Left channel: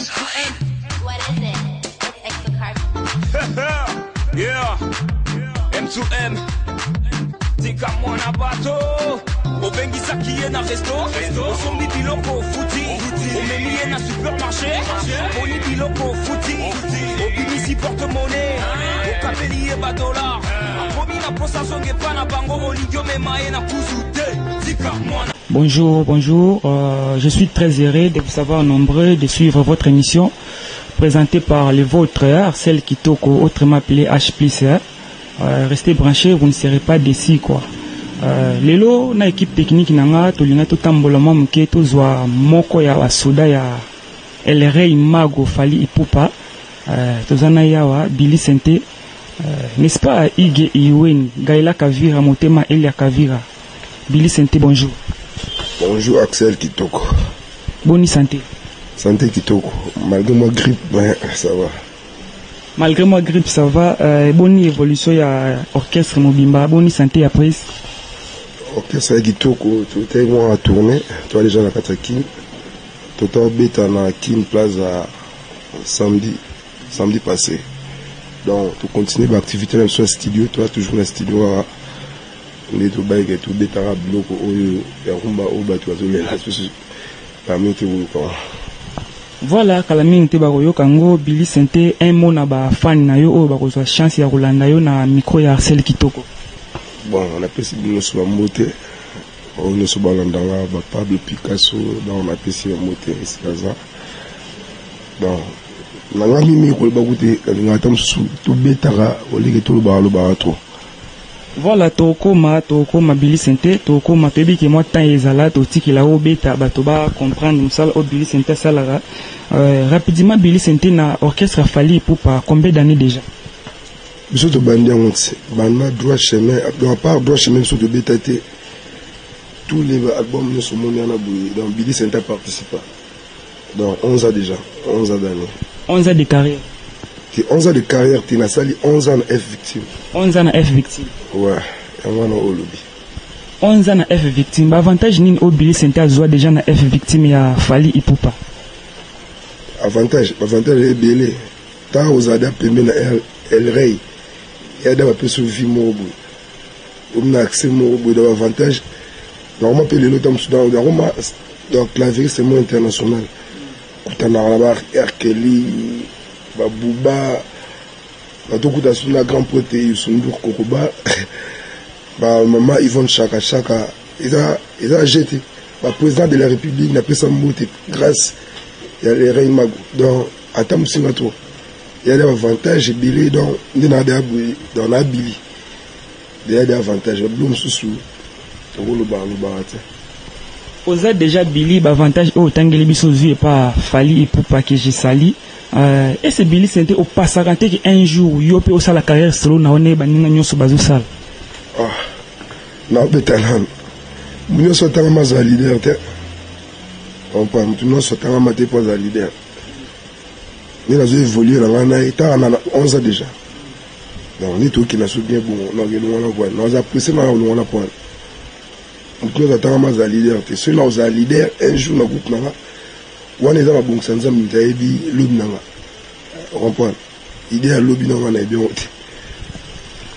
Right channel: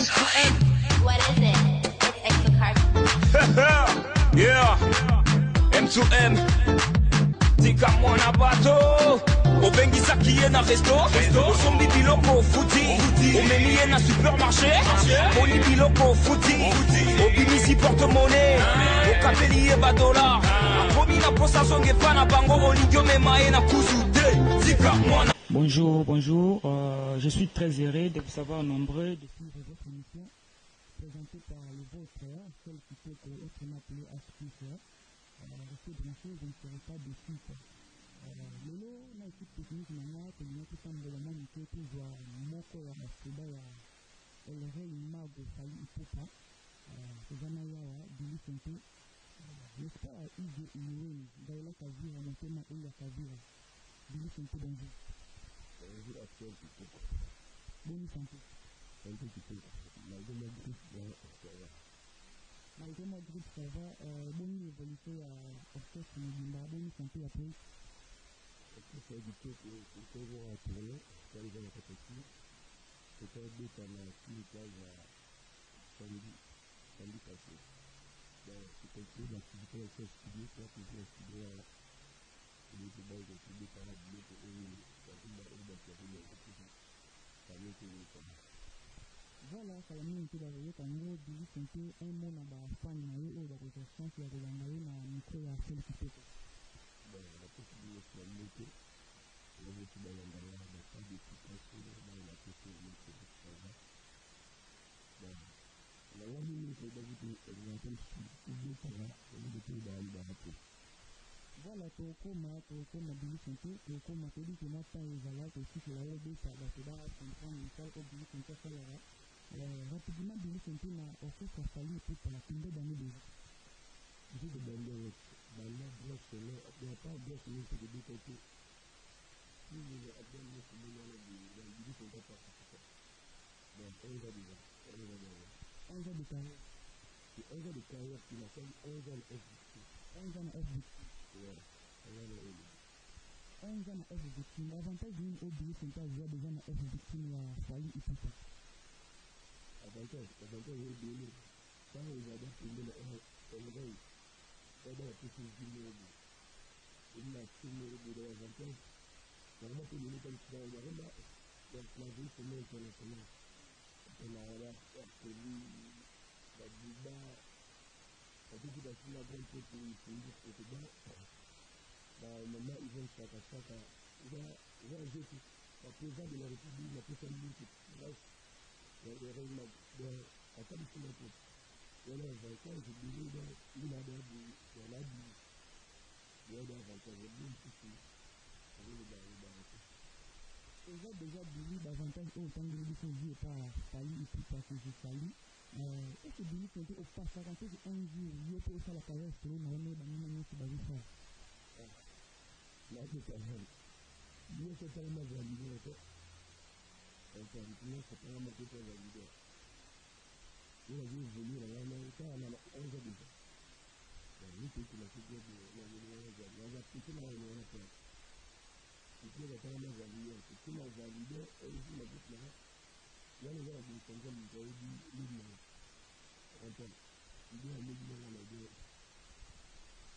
What is it? It's Exocard. Yeah. M2M. Tika mwana bato. Obengisa kiye na resto. Osombi biloko futi. Omemiye na supermarché. Boni biloko futi. Obimisi porte-monnaie. Okapeliye ba dollar. Promis na posa zonge pa na bango. Oligyo memae na kuzude. Tika mwana. Bonjour, bonjour. Je suis très heureux de vous savoir nombreux de suivre votre émission présentée par les vôtres, celle qui toque autrement appelée H+. Restez branchés, vous ne serez pas déçus quoi. Lelo na équipe technique nanga tolinga totambolama muke tozwa moko ya basoda ya LRA Imago Fally Ipupa tozana yawa Billy Sente n'est-ce pas Ige Iweni Gaila Kavira Motema Elia Kavira. Billy Sente, bonjour. Bonjour Axel Kitoko. Bonne santé. Santé Kitoko. Malgré ma grippe, ben, ça va. Malgré ma grippe, ça va. Bonne évolution, il y a orchestre Mobimba. Bonne santé après. Orchestre Kitoko, tout est moi à tourner. Toi, les gens à Katakine. Tout est bête à Kin Plaza samedi passé. Donc, tu continues l'activité même sur le studio. Toi, toujours le studio à. Les tout bails et tout détaillé bloc au rumba au bateau parmi tout voilà kalaming te baroyo kango Billy Sente un mot na ba fan na yo o bakozwa chance ya rolanda yo na micro ya Axel Kitoko. Bon on appelle ça nous sur moté on ne se balanda ba Pablo Picasso dans on appelle ça moté c'est ça bon na ngami micro ba goûter ngata msu tout betara o leke tout ba lo ba trop. Voilà tokoma Billy Sente tokoma toyebi ke moi temps ezala totikela o beta bato ba comprendre musala o Billy Sente salara rapidement Billy Sente na orchestre Fally Ipupa combien d'années déjà? Biso to bandi en banda droit chemin à part droit chemin sur de beta tous les albums ne sont monés en aboué donc Billy Sente a participé donc 11 ans déjà 11 ans d'années 11 ans de carrière. 11 ans de carrière, tu as sali 11 ans de F victime. 11 ans de F victime. Ouais, et moi non au lobby. 11 ans de F victime. Avantage ni au Billy Sente azwa déjà na F victime ya Fally Ipupa. Avantage est belé. Tant aux adapts pembe na LRA. Il y a d'abord peu sur vie mobo. On a accès mobo d'avantage. Normalement pe le temps soudan normalement donc clavier c'est moins international. Kutana là-bas R. Kelly Babouba, Batokuta Suna Grand Pote, Yusundur Kokoba, Maman Yvonne Chaka, ils ont jeté. Le président de la République n'a pas sa moute grâce à l'RA Imago. Donc, à Tamusingato, il y a des avantages, Billy, donc, il y a des Billy. Il y a des avantages, Bloom Soussou, le Barate. Vous avez déjà Billy, avantage au Tangeli Bissozu et pas Fally Ipupa que j'ai sali. Et c'est Billy Sente au passarante qui un jour yope au la carrière solo na one baninga nyoso bazo sala. Ah. Na betanan. Munyo sotanga maza leader te. On pas munyo sotanga mate pas za leader. Ni la zo évoluer là na eta na 11 ans déjà. Donc ni tout qui na sou bien bon na gelo na quoi. Na za pressé na on na point. Munyo sotanga maza leader te. Celui là aux leader un jour na groupe na on est dans la banque sans amis, t'as dit l'obinanga. On comprend. Idée à l'obinanga n'a bien ôté.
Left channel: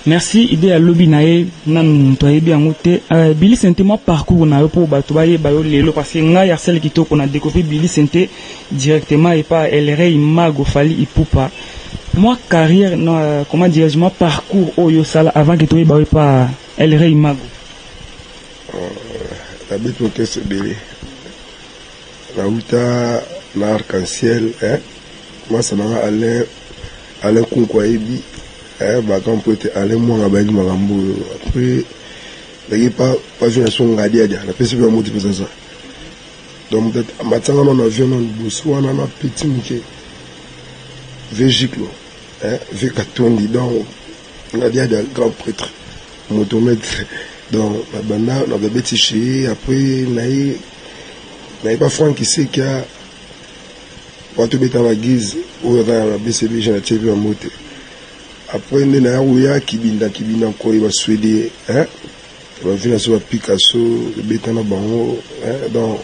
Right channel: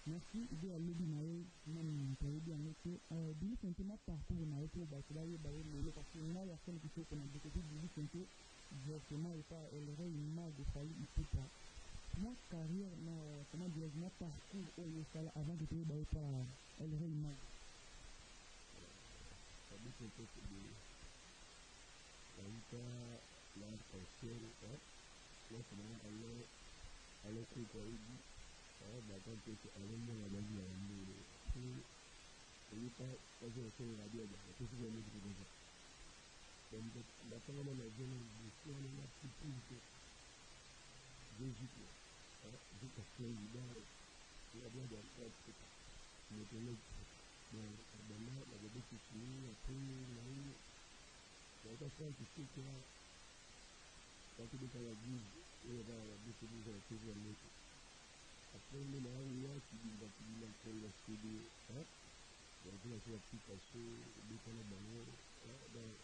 Merci, idée à l'obinae, nan toi bien ôté. Billy Sente, moi parcours na pour batobaye bayo lelo parce que nga ya celle qui to qu'on a découvert Billy Sente directement et pas LRA Imago Fally Ipupa. Moi carrière non comment dire moi parcours oyo sala avant que toi bayo pas LRA Imago. La bête monte c'est belé. La Outa, l'arc-en-ciel, moi ça m'a Alain Konkwaebi, bah quand on peut être Alain Mouangabani Marambo, après, il n'y a pas une son gadiade, la personne va motiver ça. Donc peut-être, maintenant on a vu un bousou, on a un petit mouké, végiclo, V4 donc, on a dit à des grands prêtres, motomètre, donc la banda, on avait bêtiché, après, il n'y a pas Franck qui sait qu'il y a quand tu es à la guise ou à la BCB, j'ai tiré en moté. Après, il y a un qui vient encore, il va souhaiter, il va venir sur Picasso, le béton à Bango. Donc,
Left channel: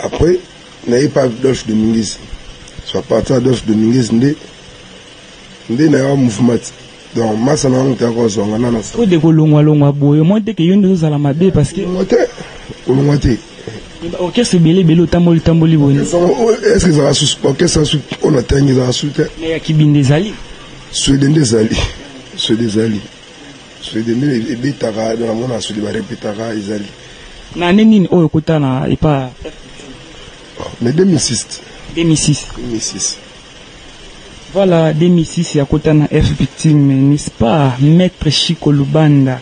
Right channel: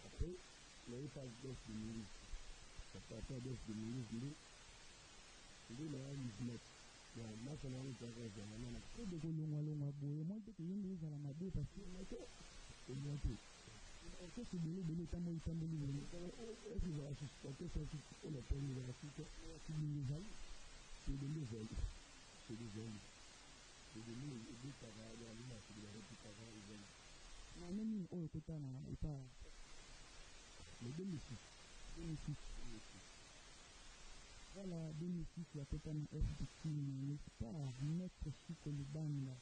après, il n'y a pas Adolphe Dominguez. soit partir d'offre Dominguez ndé na ya mouvement donc massa na ngata ko zonga na sa o de ko longwa boye mo te ke yondo za la mabe parce que olongwate orchestre belé tamboli boni est-ce que ça va sous orchestre sous on attend ils va sous mais ya kibinde zali Sweden des ali et betara dans la mona sur les répétera izali na nini oyo kotana et pas mais 2006 voilà 2006 ya kotana F victime n'est-ce pas maître Chico Lubanda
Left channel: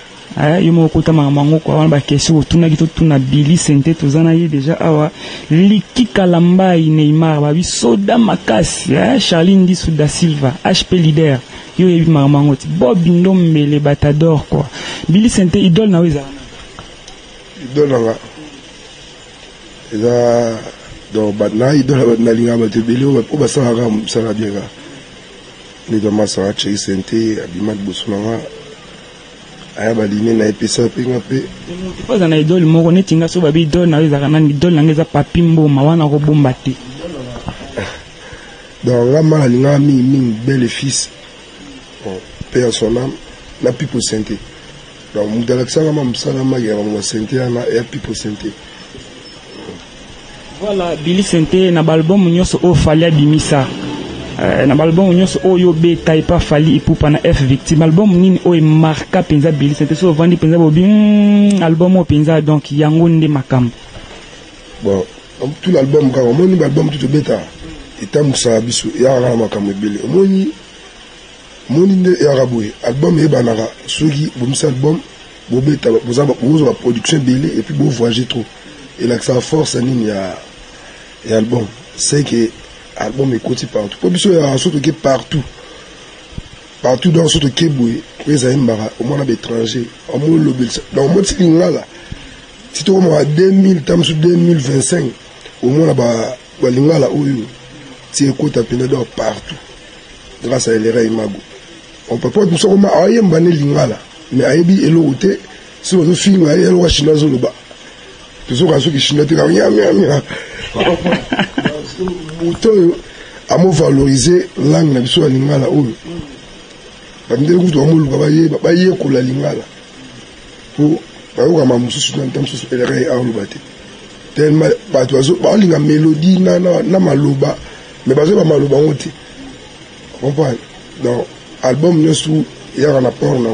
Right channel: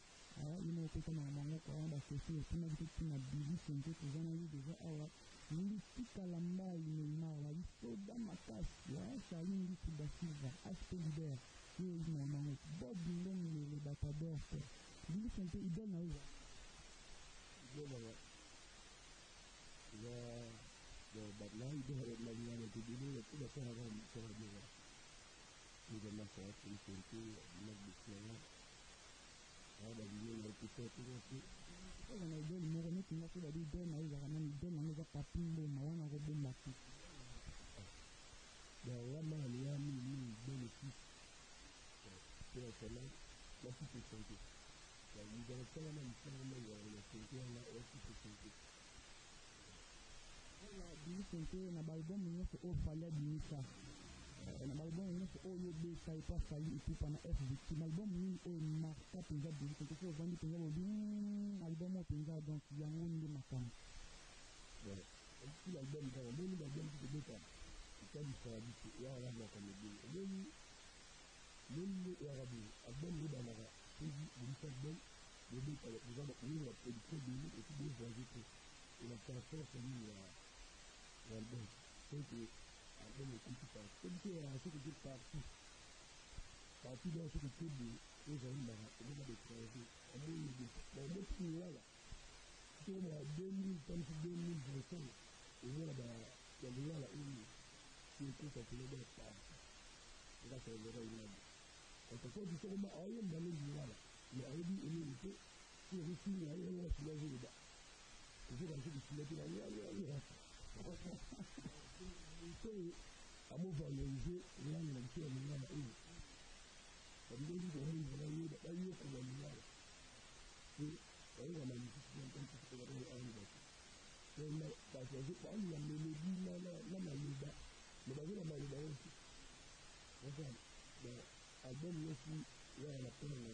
yomo kotama mango kwa wana ba question tuna kito tuna Billy Sente tozana yi déjà awa likika lambai Neymar ba bi soda makasi Charlie Ndisu da Silva HP leader yo yebi mango ti Bob Ndombele Batador quoi Billy Sente idole na weza idole nga eza donc batna idole na linga ba te beli o ba sa ga msala bien ga ni do masa Chei Sente abimat bosuna aya balini na epesa pinga pe pas na idole moko netinga so babi idole na weza kana idole na ngeza papimbo mawana ko bomba te donc la mala linga mi belle fils père son âme na Pipo Sente donc mudala kisanga mamsala magera mo Sente na ya Pipo Sente voilà Billy Sente na album nyoso o fali abimisa na album nyoso o yo beta ipa fali ipupa na F victime album nini o marka penza Billy Sente so vandi penza bobi album o penza donc yango nde makambo bon tout l'album ka moni album tout beta etamusa biso ya na makambo bele moni nde ya raboué album e banara soki bomisa album bobeta bozaba bozo production bele et puis bo voyager trop et là que ça force nini ya album c'est que album écoute partout pour biso ya surtout que partout dans surtout que boy les aimbara au moins à l'étranger au moins le dans mon petit là si tu vois 2000 tam sur 2025 au moins là-bas lingala oyo tu écoutes à peine d'or partout grâce à l'era imago on peut pas tout ça comme ayemba ne lingala mais ayebi elote si on film ayelo wa chinois lo ba toujours quand ceux qui chinois te mia Bouton à me valoriser langue na biso ya lingala oyo bamdele kutu amolu baye ko la lingala pour bayoka mamususu na ntamsusu elere aolu bate tellement bato bazo balinga mélodie na maloba mais bazo ba maloba ngote comprendre donc album nyosu ya na port na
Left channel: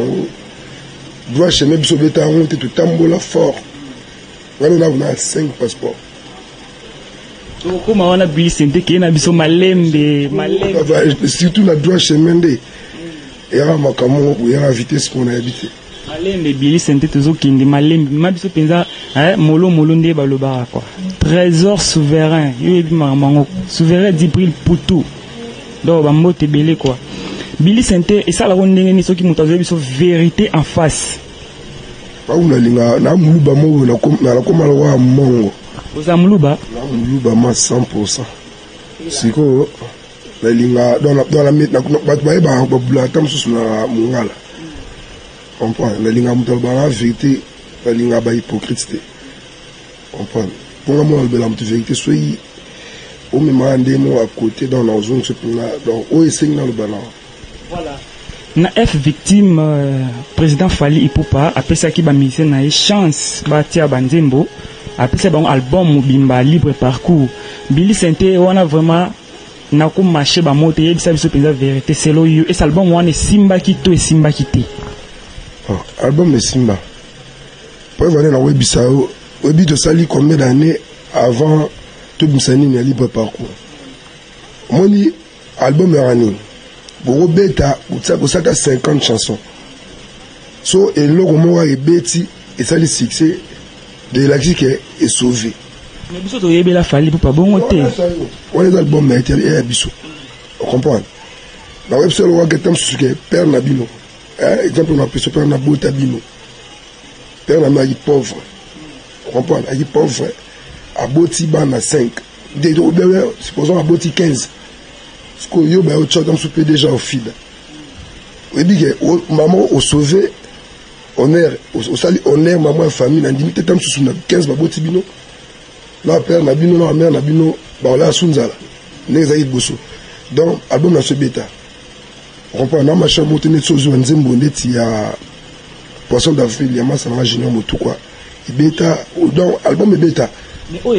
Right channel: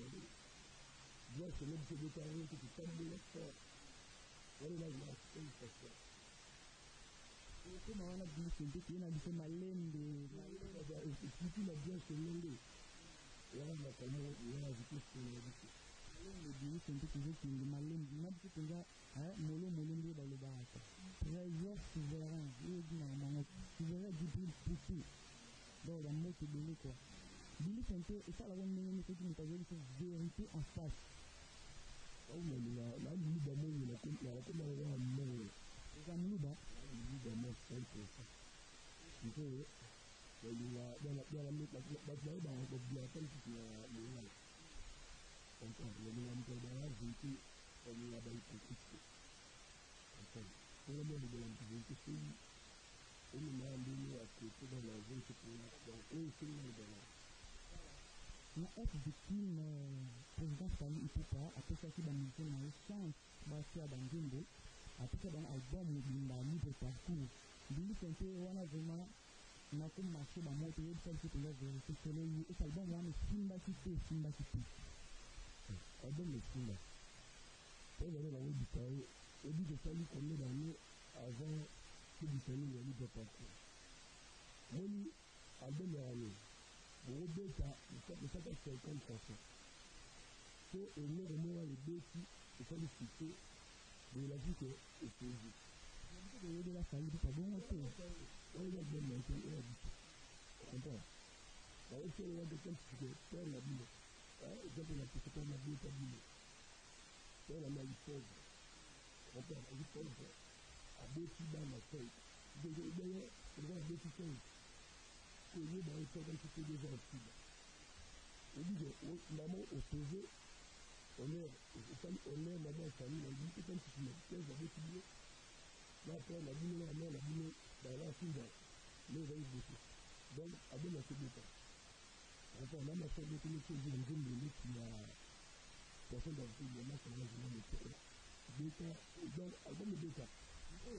doit chemin biso beta ngote tout tambola fort ngalo na 5 passeports comment on a Billy Sente qui na biso malembe surtout la droit chemin de et à makamo ou ya vitesse qu'on a habité malembe Billy Sente tozo kindi malembe ma biso penza molo nde baloba quoi trésor souverain yebi mango souverain d'Ibril Poutou donc ba mbote belé quoi Billy Sente et ça la ndenge ni soki muto biso vérité en face ba una linga na muluba mo na komala wa mongo Ozamuluba ma 100%. Siko la linga dans la met na ba bla tam sous na mungala. Comprends la linga mutalba vérité la linga ba hypocrite. Comprends pour moi la vérité soyi au même endroit à côté dans la zone ce pour donc au essayer dans le ballon. Voilà. Na F victime président Fally Ipupa après ça qui ba mise na chance ba tia banzembo. Après c'est bon album Bimba libre parcours Billy Sente on a vraiment na ko marché ba moto yebi sa biso penza vérité c'est lo yo et cet album on est Simba Kito et Simba Kité album de Simba pour venir na webisao webi to sali combien d'années avant tout Msani na libre parcours moni album rani bo beta ko sata 50 chansons so et logo mo wa ebeti et ça le succès de l'axique est sauvé. Mais biso to yebela Fally pour pas bon te. On les albums mais et biso. On comprend. La web seul wa getam suke père Nabino. Exemple on appelle ce père Nabota Bino. Père Nabino pauvre. On comprend, il pauvre. A boti ban à 5. Supposons à boti 15. Ce que yo ba au chant comme souper déjà au fil. On dit que maman au sauvé honneur au sali honneur maman famille na ndimi tetam sous na 15 baboti bino la père na bino la mère na bino ba la sunzala n'exagit bosso. Donc, album na ce bêta. On comprend, na machin monté net sozo nzembo net ya Poisson d'avril, ya massa na junior motu quoi. Bêta, donc album bêta. Mais oh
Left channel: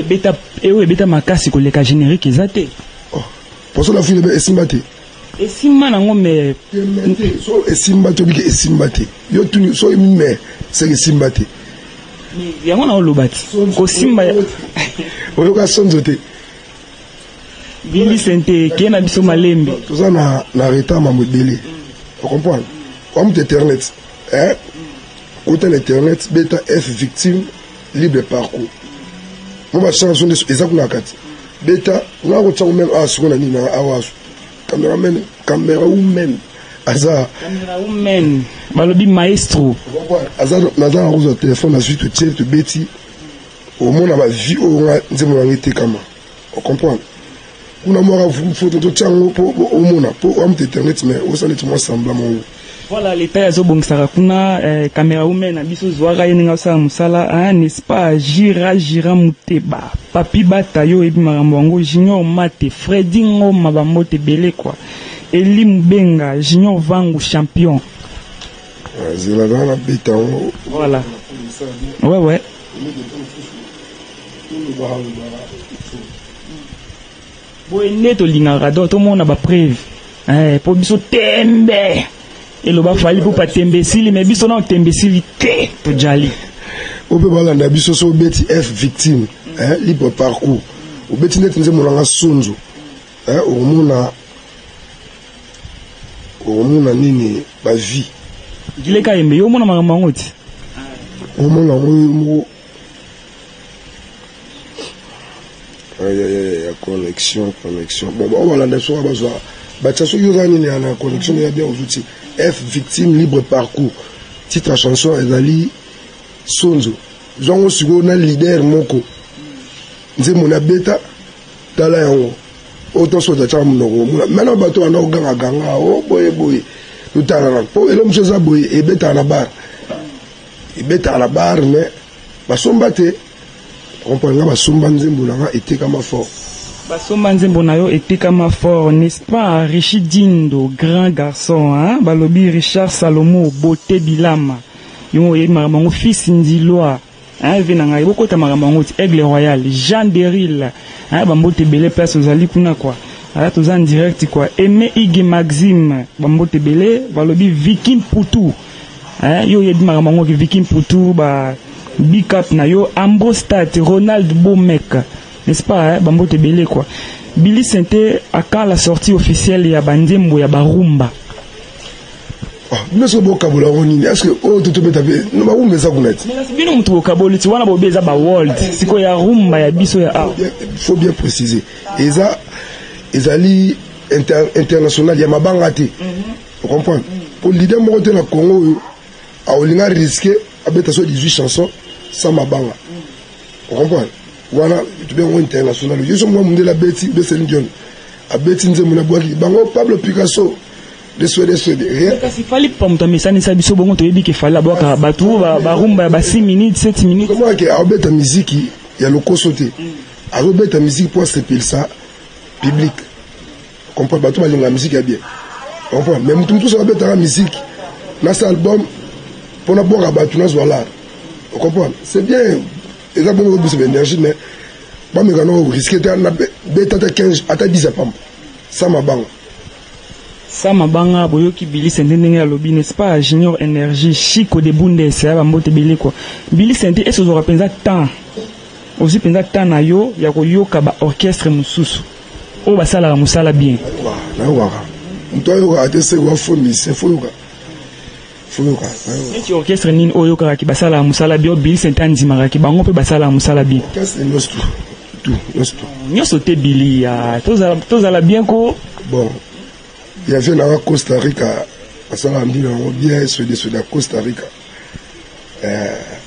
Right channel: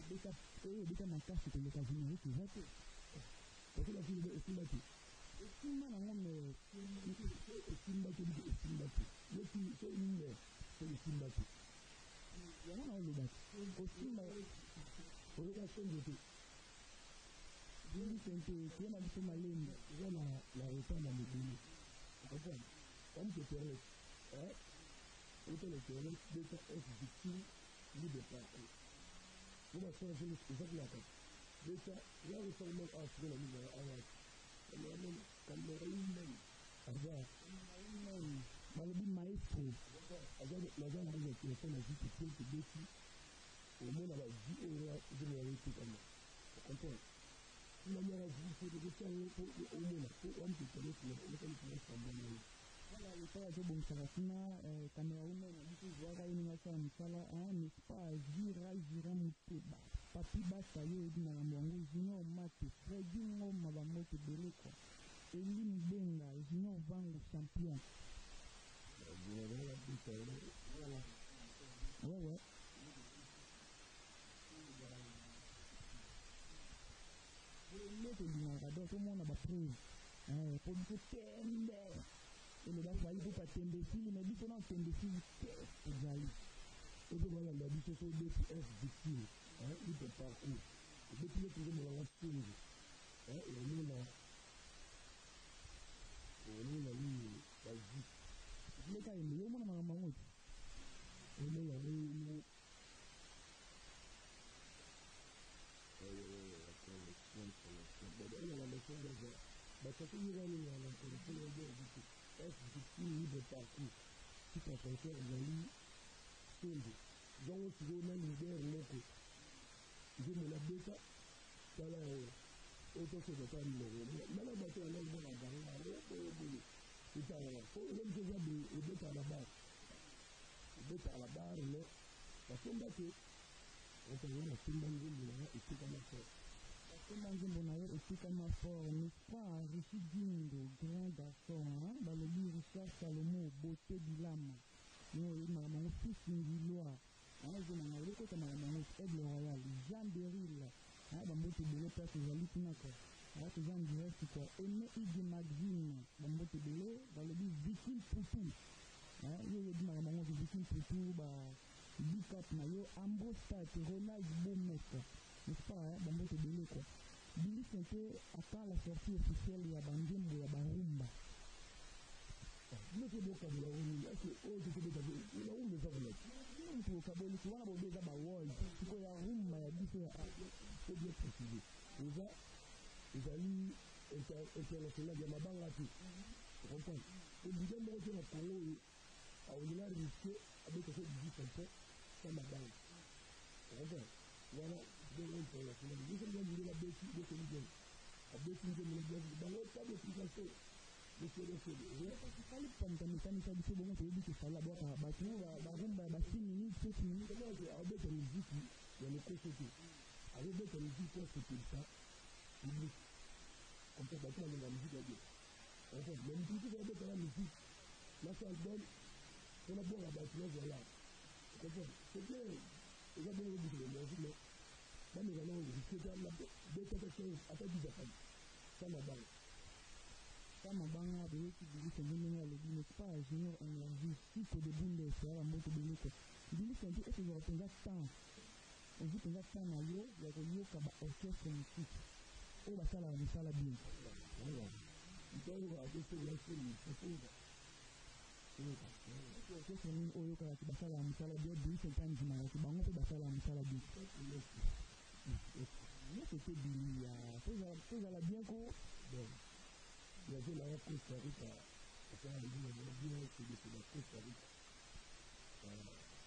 bêta makasi ko leka générique ezate. Oh, Poisson d'avril est simbate. Et simba nango mais so esimbate biki esimbate. Yo tuni so mais c'est esimbate. Mais yango na olobati. Ko simba oyo ka sonzo te. Billy Sente qui na biso malembe. Tout ça na retard ma modélé. Tu comprends? Comme internet, hein? Autant internet bêta F victime libre parcours. Moi ma chanson de exactement kati. Bêta na ko tsango même asu na ni na awasu. Caméra woman aza balobi maestro aza naza na roza téléphone na suite tiers to beti au monde ma vie au nzemo ngité kama on comprend kuna moi photo to tsango po au monde po am internet mais au sanit moi semblant mon voilà l'état ya zo bongsaka kuna caméra woman na biso zwaka yeninga sa musala n'est-ce pas gira muteba papi bata yo ebi makambo yango junior mate Freddy Ngoma bambote belé quoi Eli Mbenga junior vangu champion zela na beta voilà ouais boy neto lingaka do to mona ba preuve po biso tembe eloba fali po patembesili mais biso na tembesili te to jali on peut balanda biso so beti F victime libre parcours o beti net nze monanga sonzo o mona nini ba vie dileka yembe yo mona makambo yango ti o mona mo ya connexion bon on va la so bazwa bachaso yozani na la connexion ya bien aux outils F victime libre parcours titre chanson ezali sonzo zongo sigo na leader moko nze mona beta tala yango autant soit cha mnogo maintenant bato ana ganga o boye lutala na po elo mchoza boye e beta na bar mais basomba te comprendre basomba nzembo na etekama fort basomba nzembo na yo etekama fort n'est-ce pas Richard Dindo grand garçon balobi Richard Salomo beauté bilama yo ye mamango fils Ndilwa venanga ibokota makambo ti Aigle Royal Jean Deril bambote belé place ozali kuna quoi ala toza en direct quoi Aimé Ige Maxime bambote belé balobi Viking Poutou yo ye makambo ki Viking Poutou ba big up na yo Ambrostat Ronald Bomek n'est-ce pas bambote belé quoi Billy Sente à quand la sortie officielle ya bandembo ya barumba mais ce beau kabula onini est-ce que oh tout beta no ba umeza kunati mais bino mtu kaboli ti wana bobeza ba world siko ya rumba ya biso ya faut bien préciser ezali international ya mabanga te vous comprenez pour leader mo te na Congo a olinga risquer abeta so 18 chansons sans mabanga vous comprenez wana tu bien international yo so mo mundela beti de Céline Dion abeti nze mona boaki bango Pablo Picasso de rien kasi fali pa muto mesani sa biso bongo to yebi ke fala boka batu ba rumba ba 6 minutes 7 minutes comment que abeta musique ya lokoso te abeta musique pour se ça public comprend batu balinga musique ya bien comprend même tout ça abeta la musique na cet album pour na boka batu na zola vous comprenez c'est bien exactement beaucoup de énergie mais ba me gano risquer na beta 15 ata 10 pam ça ma bang Sama banga boyoki Billy Sente ndenge ya lobi n'est-ce pas Junior Énergie Chico de Bundes ya bambote belé quoi Billy Sente est zo repenza temps aussi penza temps na yo ya ko yoka ba orchestre mususu o basala musala bien na wa mto yo ka atese wa fondi c'est fuluka et tu orchestre nini o yoka ki basala musala bien Billy Sente andimaka ki bango pe basala musala bien orchestre tout nyoso te Billy ya tozala bien ko bon il y avait dans Costa Rica, ça l'a mis dans bien, ceux de Costa Rica.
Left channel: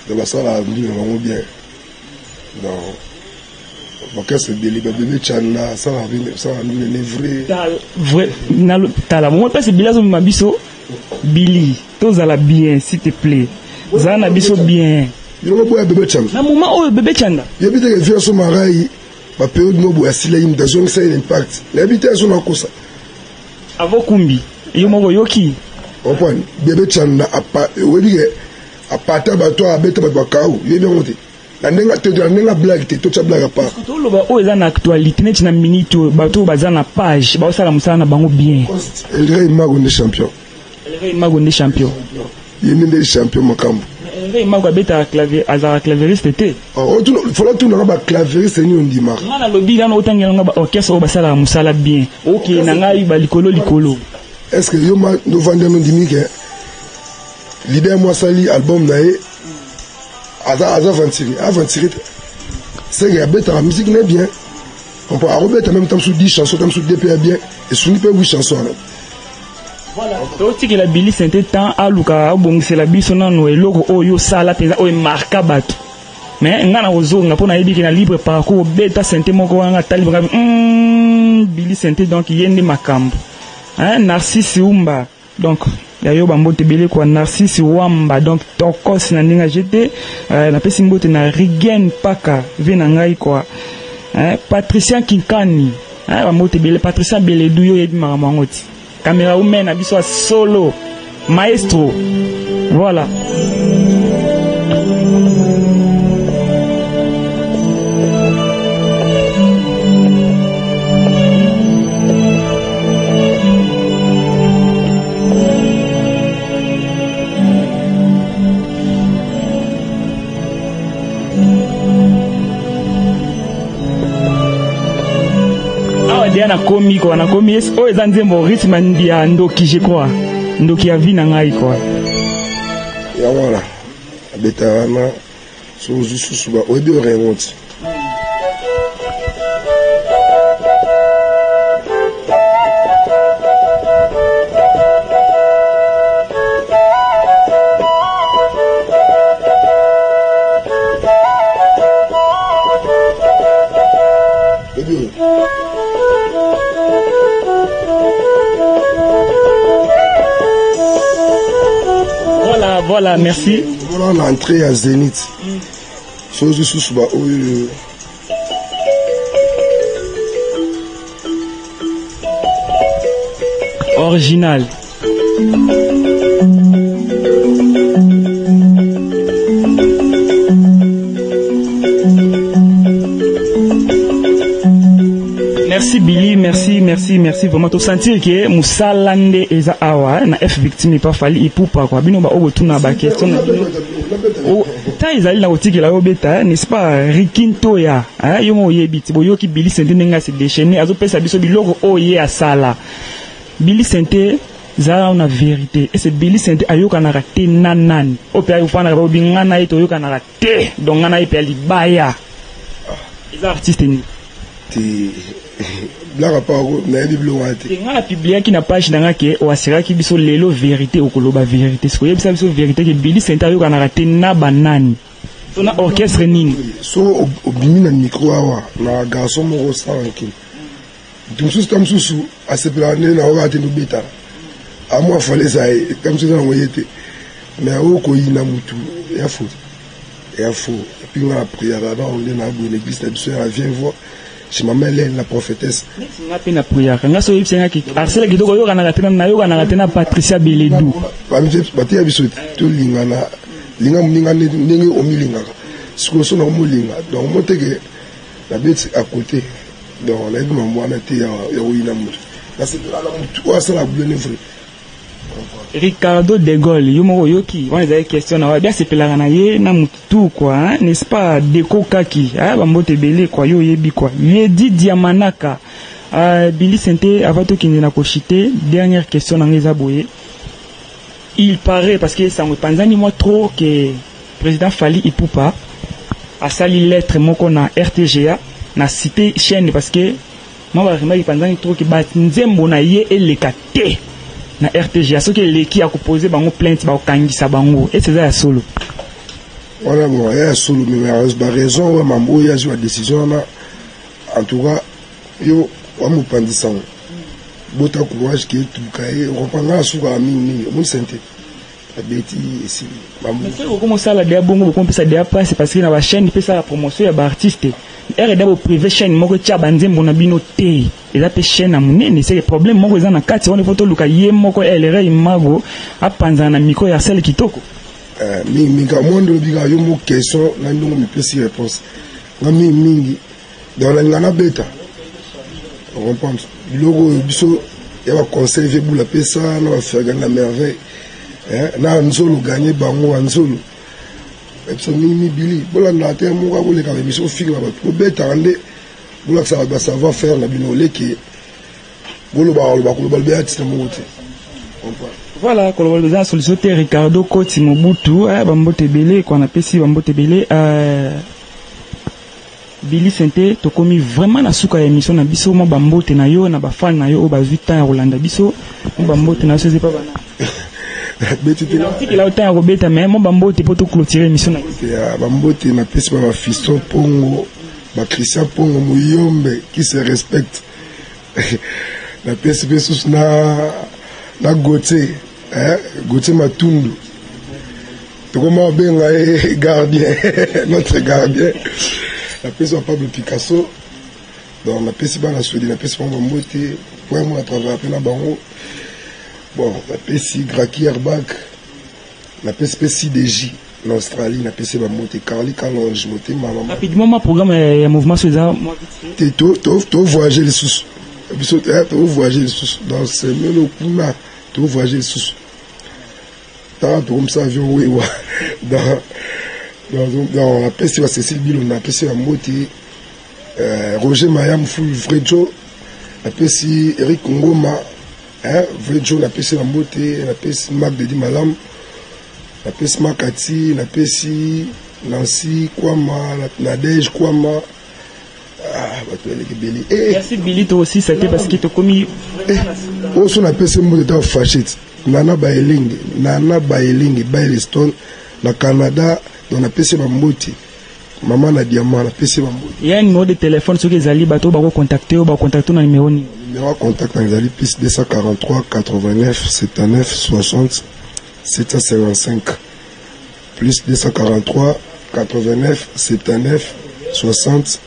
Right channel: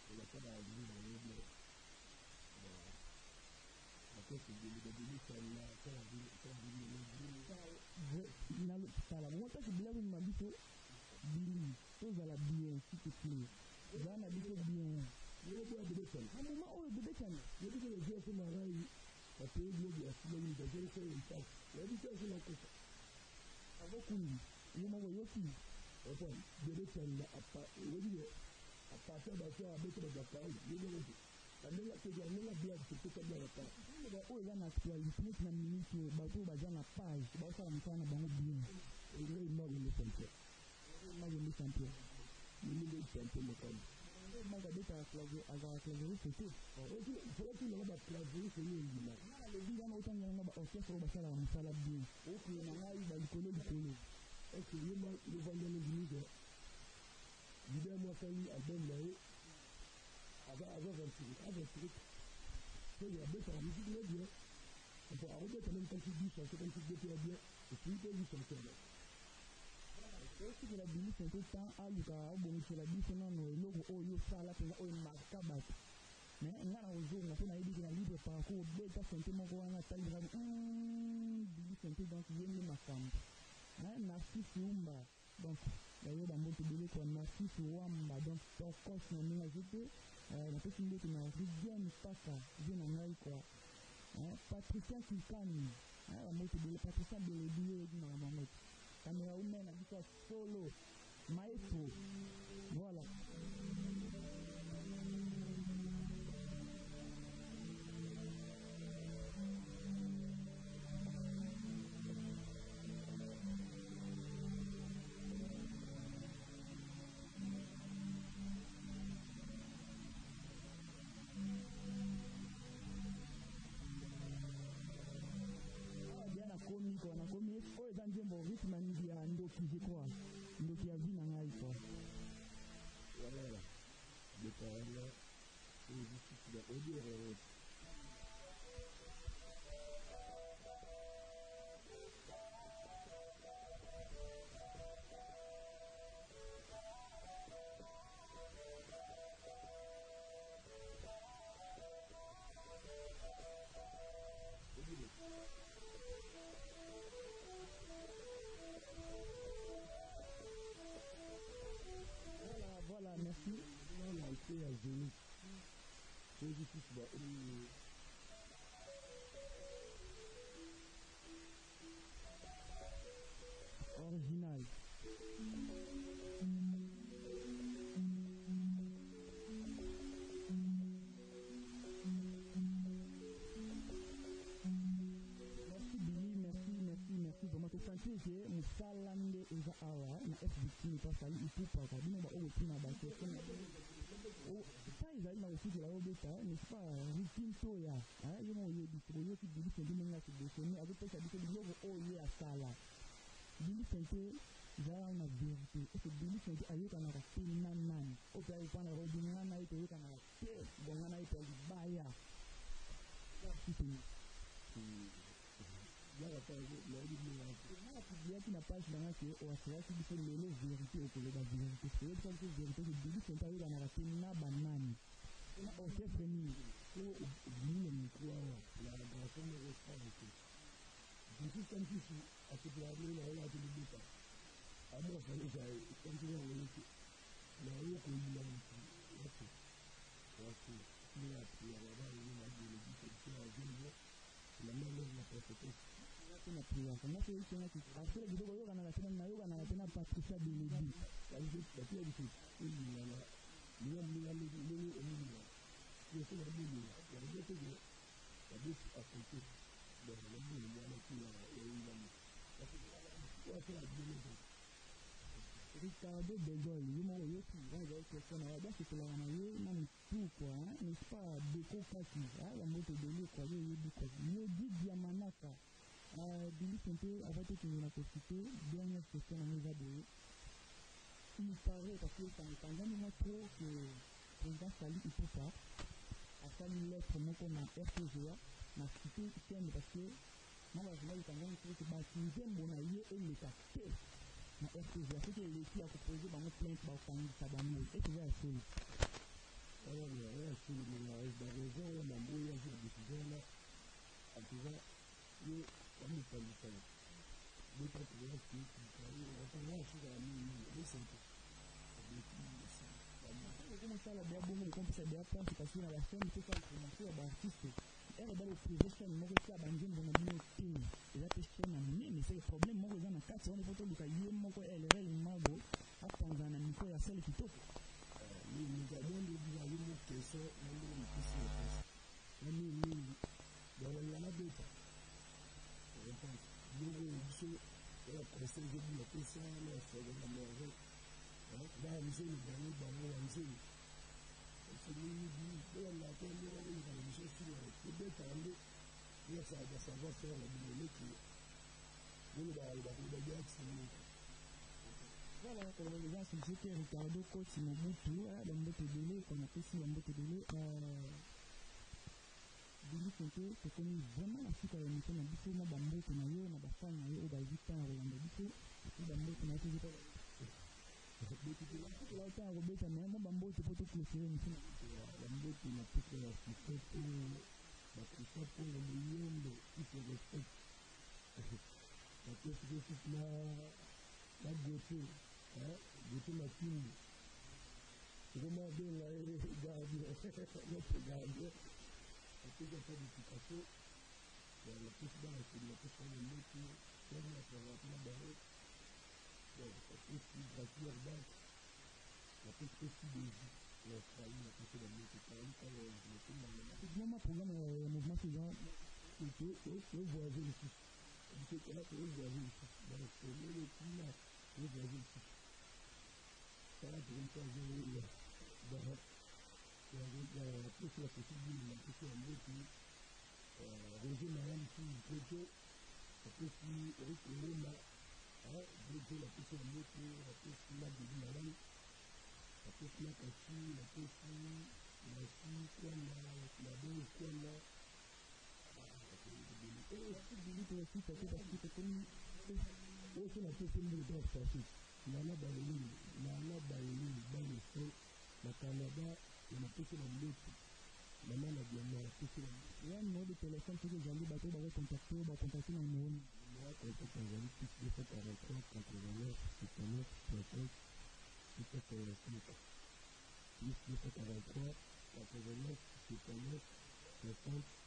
Donc ça l'a mis dans bien. Donc c'est bébé Chanda, ça l'a mis vrai. T'as la moment parce que Billy a biso Billy, tous à la bien, s'il te plaît. Zana biso bien. Il y a bébé Chanda. Na moment où bébé Chanda. Il y a bien des vieux sont mariés. ba période mobo asila yim da zone ça impact l'habitation na kosa avokumbi yo moko yoki on point bébé chanda apa wodi ke apata ba to abeta ba kaou yo bien monté la nenga blague te to cha blague pa to lo ba o eza na actualité net na minute ba to baza na page ba osala musala na bango bien el rey mago ne champion yene nde champion makambo Rey mago abeta clavier azara clavieriste te tu faut tout na ba clavieriste ni on dit ma na lobi na otangela nga ba orchestre o basala musala bien OK na ngai ba likolo est-ce que yo ma no vendre no dimi ke leader moi sali album na e avancer c'est que abeta la musique n'est bien on peut arrober en même temps sur 10 chansons comme sur DPA bien et sur 8 chansons. Voilà, donc la Billy Sainté tant à Luka bongisela biso nano eloko oyo sala penza oyo marka bato mais ngana ozonga pona yebi na libre parcours beta Sainté moko wanga tali Billy Sainté donc yende makambo Narcisse Umba donc yayo bambote belé quoi Narcisse Wamba donc tokos na ninga jeté na pesi mbote na Rigen Paka vena ngai quoi Patricia Kinkani bambote belé Patricia Beledou yo yebi makamangoti caméra humaine abiso solo maestro voilà na komi ko na komi o ezanze mo rythme ndia ndoki je crois ndoki ya vina ngai quoi ya wala beta na so juste ba o de remonte Voilà, merci. Voilà l'entrée à Zénith. Chose sous bas original. Merci Billy, merci vraiment to sentir que musalande eza awa na F victime pas fali ipupa kwa bino ba obotuna ba question na bino o ta izali na otiki la obeta n'est-ce pas rikinto ya yo mo yebiti bo yoki Billy Sainté nenga se déchaîner azo pesa biso biloko oye asala Billy Sainté za una vérité et c'est Billy Sainté ayoka na raté nanani opia yo fana ba bingana ito yoka na raté donc ngana ipe libaya les artistes ni blague pas na biblo wate ngana publier ki na page nanga ke o asira ki biso lelo vérité okoloba vérité ce ko yebisa biso vérité ke Billy Sainté ayoka na raté na banani so na orchestre nini so obimi na micro awa na garçon mo sanki tumsusu tamsusu asepelane na oba te nobeta amwa fale ça tamsusu na ngoyete mais oko yina mutu ya faux et puis on a prié là-bas on est dans l'église de Dieu vient voir je m'appelle la prophétesse nga pe na prière nga so yipsenga ki arsela kitoko yo kana katena na yo kana katena Patricia Beledou bati ya biso to lingana linga muninga ndenge omilinga siko so na omulinga donc moteke la bête à côté donc on a dit maman na te ya oyina mutu na c'est la mutu wa sala bleu vrai Ricardo de Gaulle yo moko yoki on a question na bien c'est pelanga na ye na mutu quoi n'est-ce pas Deko Kaki ba mbote belé quoi yo yebi quoi Yedi Diamanaka Billy Sainté avato kindi na kochité dernière question na ngeza boye il paraît parce que ça me panzani moi trop que président Fally Ipupa a sali lettre moko na RTGA na cité chaîne parce que moi vraiment il panzani trop que ba nzembo na ye elekate na RTGA ce que l'équipe a composé bango plainte ba okangisa bango et c'est ça solo voilà bon il y a solo mais la raison ouais mambo il y a eu la décision là en tout cas yo wa mo pandisa bota courage qui tout cahier on prendra sur la mine mon santé la bêtise mambo mais c'est comment ça la dia bongo comme ça dia passe parce que na ba chaîne fait ça la promotion ya ba artiste ere d'abord privé chaîne moko tia banzembo na bino te eza pe chaîne amunene c'est le problème moko eza na kati on photo luka ye moko elere imago apanza na micro ya sel kitoko mingi ka mondo bika yo mo question na ndongo mi pesi réponse ngami mingi dans la ngana beta on comprend logo biso ya ba conseil bula pesa na ba faire gagner la merveille na nzolo gagner bango nzolo biso mimi bili bola na te mo ka koleka biso fika ba ko beta ande bola ça va savoir faire na bino leki bolo ba ko ba be artiste mo te voilà kolobeza solution te Ricardo Koti Mobutu bambote belé qu'on appelle si bambote belé Billy Sente tokomi vraiment na suka ya émission na biso mo bambote na yo na ba fan na yo o ba 8 ans ya Rolanda biso mo bambote na c'est pas bana beti te la autant ya robeta mais mo bambote pour to clôturer émission na ya bambote na pesi ba fiston Pongo ba Christian Pongo Muyombe qui se respecte na pesi besus na Gauthier Gauthier Matundu tokoma benga gardien notre gardien la pesi Pablo Picasso donc la pesi bana Sweden la pesi Pambo Mbote pour moi à travers na bango bon la pesi Graki Airbag la pesi DJ en Australie la pesi Bambote Carly Calonge moté maman rapidement ma programme ya mouvement César moi vite to voyager les sous biso to voyager les sous dans ce melo kuna to voyager les sous tant comme ça avion oui dans la peste de Cécile Bilon, la peste de Moti, Roger Mayam Fou Vrejo, la peste Eric Ngoma, Vrejo, la peste de Moti, la peste Mac de Dimalam, la peste Makati, la peste Nancy Kwama, la Nadège Kwama. Merci Billy, toi aussi, c'était parce qu'il t'a commis. Aussi, on appelle ce mot de temps fâché. Nana Baeling, Baileston, na Canada. On a PC Bamboti, maman na diamant, la PC Bamboti. Il y a un numéro de téléphone sur les alliés, bateau, bah contacter ou bah contacter dans numéro. Numéro contact dans les alliés, plus 243 89 79 60 755. Plus 243 89 79 60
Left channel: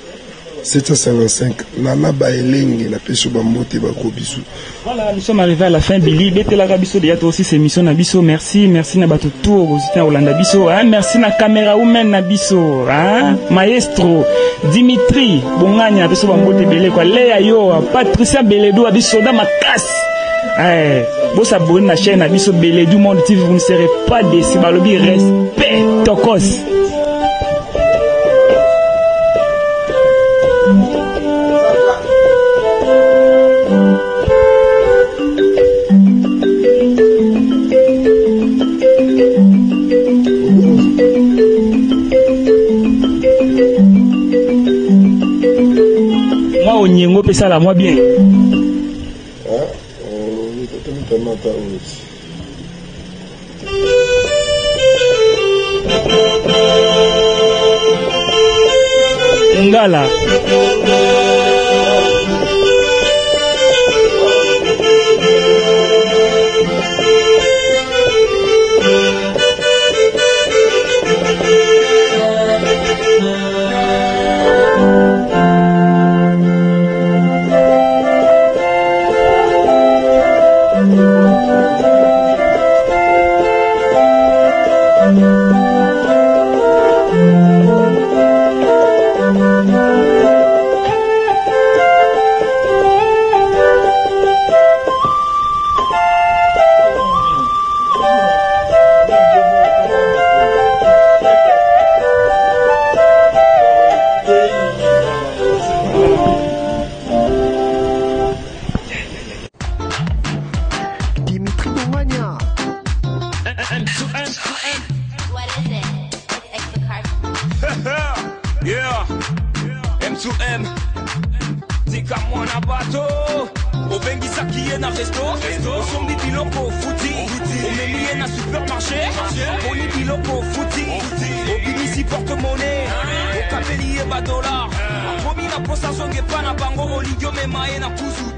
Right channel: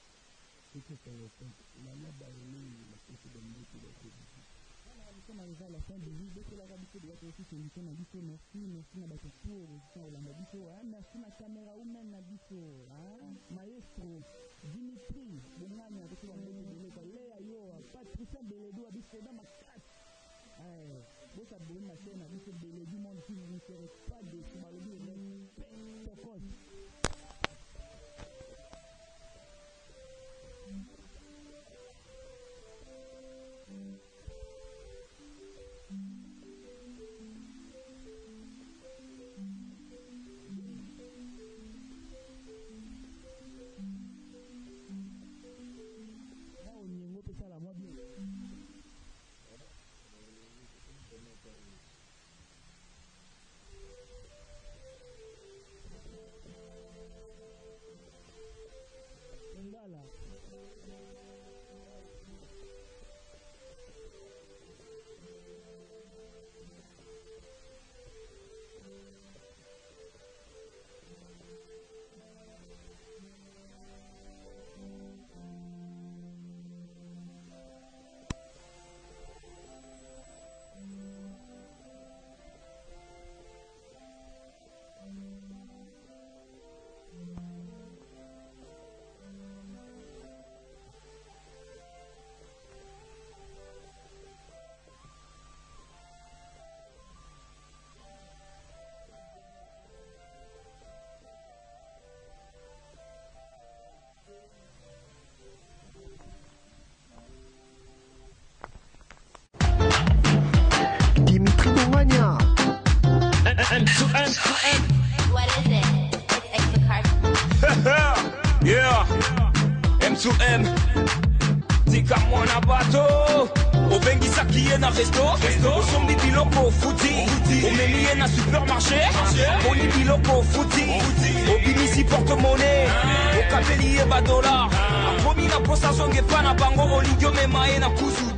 755. Nana Baeling, la PC Bamboti, bah Kobisu. Voilà, nous sommes arrivés à la fin, Billy. Bete la Rabiso, déjà aussi ces missions Nabiso. Merci, merci Nabato Tour, Rosita Rolanda Biso. Merci na caméra woman Nabiso. Maestro, Dimitri, Bonganya, Biso Bambote Belé, quoi. Léa Yo, Patricia Beledou, Abiso dans ma casse. Vous abonnez à la chaîne Abiso Beledou Monde TV, vous ne serez pas déçus. Balobi, respect, Tokos. Peut ça la moi bien. Ngala. Yeah, M2M, tika mwana bato, obengisa kiye na resto, osombi biloko futi, omeliye na supermarché, boni biloko futi, obimisi porte-monnaie, okapeli ye ba dollar, akomi na posa zonge pa na bango olingyo memaye na kuzu.